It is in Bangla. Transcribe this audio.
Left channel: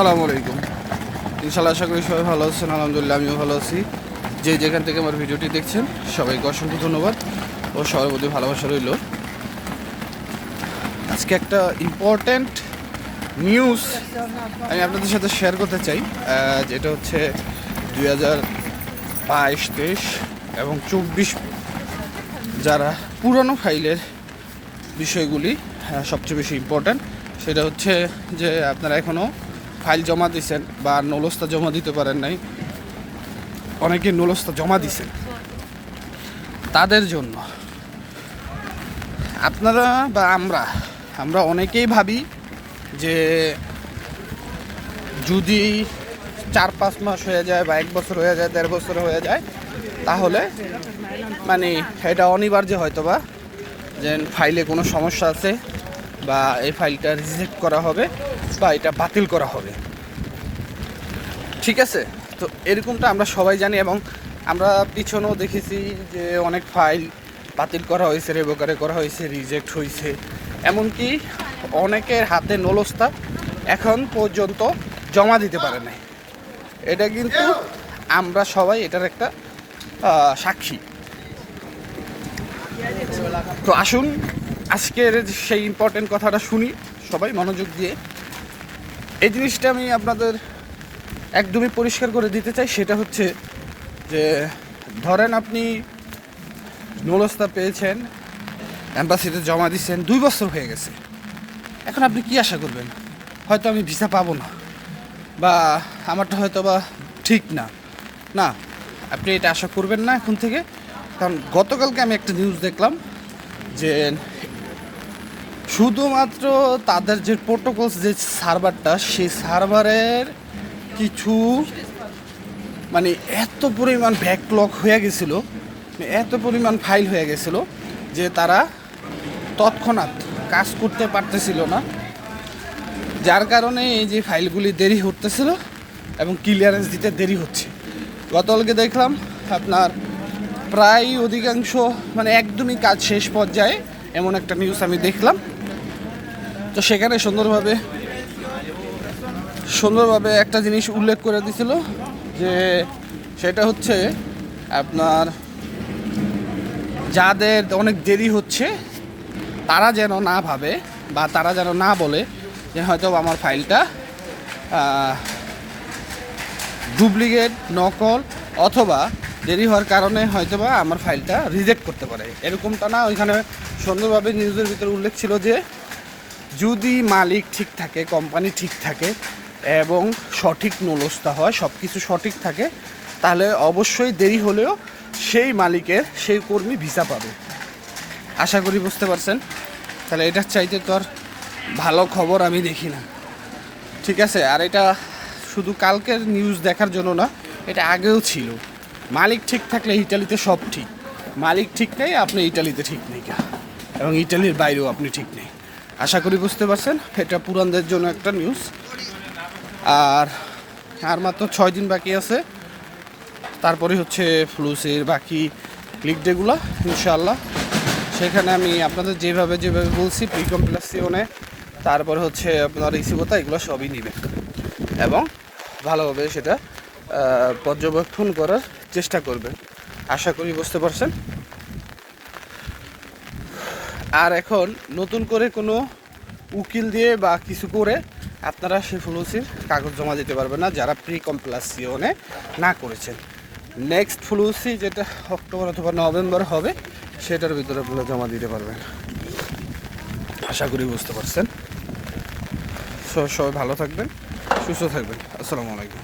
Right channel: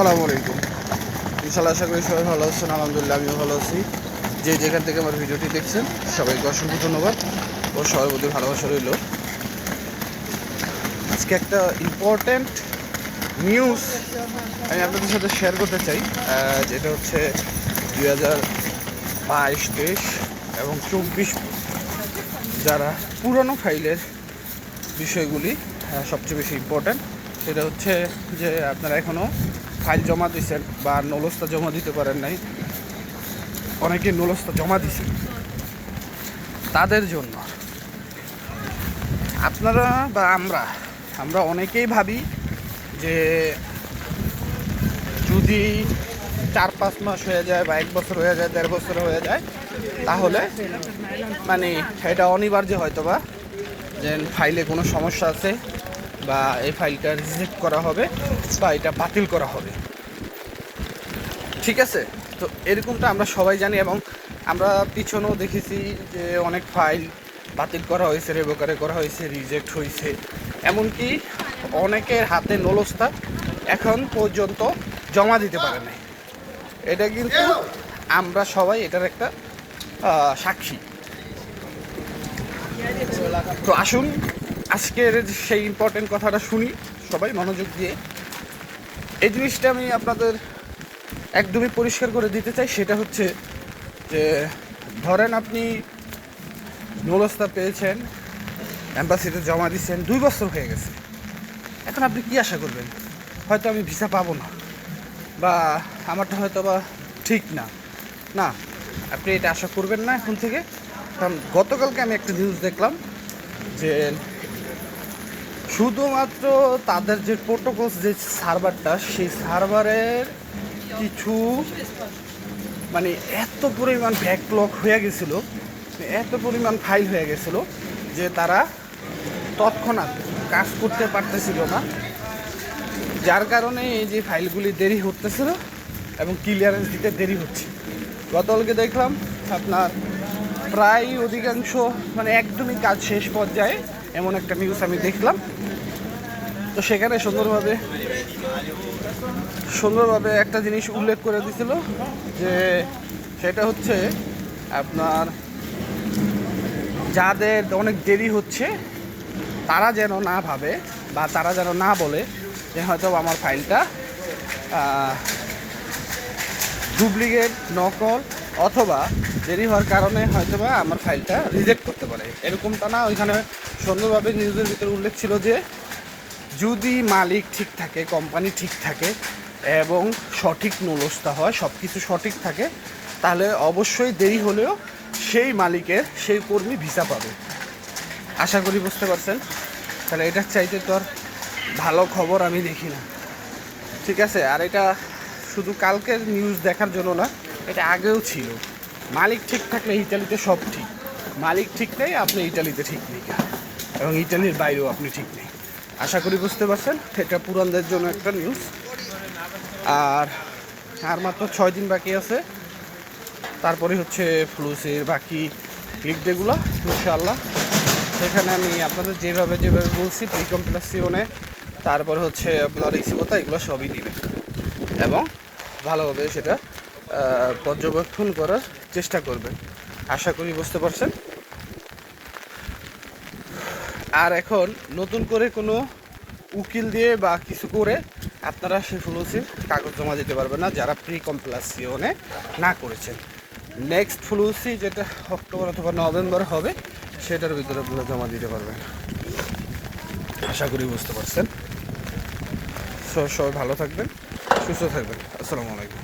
আসসালামু আলাইকুম। ইনশাল্লাহ আশা করি সবাই ভালো আছেন, আলহামদুলিল্লাহ আমিও ভালো আছি। যে যেখান থেকে আমার ভিডিওটি দেখছেন, সবাইকে অসংখ্য ধন্যবাদ ও প্রতি ভালোবাসা রইল। আজকে একটা ইম্পর্ট্যান্ট নিউজ আমি আপনাদের সাথে শেয়ার করতে চাই যেটা হচ্ছে দুই হাজার বাইশ তেইশ এবং চব্বিশ যারা পুরনো ফাইলের বিষয়গুলি সবচেয়ে বেশি ইম্পর্ট্যান্ট সেটা হচ্ছে যে আপনারা এখনও ফাইল জমা দিয়েছেন বা নলস্তা জমা দিতে পারেন নাই, অনেকে নলস্তা জমা দিছেন তাদের জন্য। আপনারা বা আমরা আমরা অনেকেই ভাবি যে যদি চার পাঁচ মাস হয়ে যায় বা এক বছর হয়ে যায়, দেড় বছর হয়ে যায়, তাহলে মানে এটা অনিবার্য হয়তো বা যে ফাইলে কোনো সমস্যা আছে। বা এই ফাইলটা রিজেক্ট করা হবে বা এটা বাতিল করা হবে। ঠিক আছে? তো এরকমটা আমরা সবাই জানি এবং আমরা পিছনেও দেখেছি যে অনেক ফাইল বাতিল করা হয়েছে, রেবেকারে করা হয়েছে, রিজেক্ট হয়েছে। এমনকি অনেকের হাতে নলস্তা এখন পর্যন্ত জমা দিতে পারে নাই। এটা কিন্তু আমরা সবাই এটার একটা সাক্ষী। তো আসুন আজকের সেই ইম্পর্টেন্ট কথাটা শুনি, সবাই মনোযোগ দিয়ে। এই জিনিসটা আমি আপনাদের একদমই পরিষ্কার করে দিতে চাই, সেটা হচ্ছে যে, ধরেন আপনি নলস্তা পেয়েছেন অ্যাম্বাসিতে জমা দিচ্ছেন, দুই বছর হয়ে গেছে। এখন আপনি কি আশা করবেন? হয়তো আমি ভিসা পাবো না, বা আমারটা হয়তো বা ঠিক না। না, আপনি এটা আশা করবেন না এখন থেকে। কারণ গতকালকে আমি একটা নিউজ দেখলাম যে শুধুমাত্র তাদের যে প্রোটোকলস যে সার্ভারটা সেই সার্ভারের কিছু মানে এত পরিমাণ ব্যাকলগ হয়ে গেছিল, এত পরিমাণ ফাইল হয়ে গেছিল যে তারা তৎক্ষণাৎ কাজ করতে পারতেছিল না। যার কারণে এই যে ফাইলগুলি দেরি হতেছিল এবং ক্লিয়ারেন্স দিতে দেরি হচ্ছে। গতকালকে দেখলাম আপনার প্রায় অধিকাংশ মানে একদমই কাজ শেষ পর্যায়ে এমন একটা নিউজ আমি দেখলাম। তো সেখানে সুন্দরভাবে সুন্দরভাবে একটা জিনিস উল্লেখ করে দিছিল যে সেটা হচ্ছে আপনার যাদের অনেক দেরি হচ্ছে, তারা যেন না ভাবে বা তারা যেন না বলে যে হয়তো আমার ফাইলটা ডুপ্লিকেট, নকল অথবা দেরি হওয়ার কারণে হয়তো বা আমার ফাইলটা রিজেক্ট করতে পারে। এরকমটা না, ওইখানে সুন্দরভাবে নিউজের ভিতরে উল্লেখ ছিল যে যদি মালিক ঠিক থাকে কোম্পানি ঠিক থাকে এবং সঠিক নলস্তা হয় সব কিছু সঠিক থাকে, তাহলে অবশ্যই দেরি হলেও সেই মালিকের, সেই কর্মী ভিসা পাবে। আশা করি বুঝতে পারছেন? তাহলে এটার চাইতে তো আর ভালো খবর আমি দেখি না। ঠিক আছে? আর এটা শুধু কালকের নিউজ দেখার জন্য না, এটা আগেও ছিল। মালিক ঠিক থাকলে ইটালিতে সব ঠিক। মালিক ঠিক নেই, আপনি ইটালিতে ঠিক নেই। এবং ইটালির বাইরেও আপনি ঠিক নেই। আশা করি বুঝতে পারছেন, এটা পুরানদের জন্য একটা নিউজ আর আর মাত্র ছয় দিন বাকি আছে। তারপরে হচ্ছে ফ্লুসের বাকি ক্লিক ডেগুলো ইনশাআল্লাহ। সেখানে আমি আপনাদের যেভাবে যেভাবে বলছি প্রি কমপ্লেক্সিওনে তারপরে হচ্ছে আপনার রিসিভতা এগুলো সবই নেবে এবং ভালোভাবে সেটা পর্যবেক্ষণ করার চেষ্টা করবেন। আশা করি বুঝতে পারছেন। আর এখন নতুন করে কোনো উকিল দিয়ে বা কিছু করে আপনারা সেই ফ্লুসির কাগজ জমা দিতে পারবেন না, যারা প্রি কমপ্লাসিওনে না করেছেন। নেক্সট ফ্লুসি যেটা অক্টোবর অথবা নভেম্বর হবে, সেটার ভিতরে আপনারা জমা দিতে পারবেন। আশা করি বুঝতে পারছেন। সবাই ভালো থাকবেন, সুস্থ থাকবেন। আসসালামু আলাইকুম।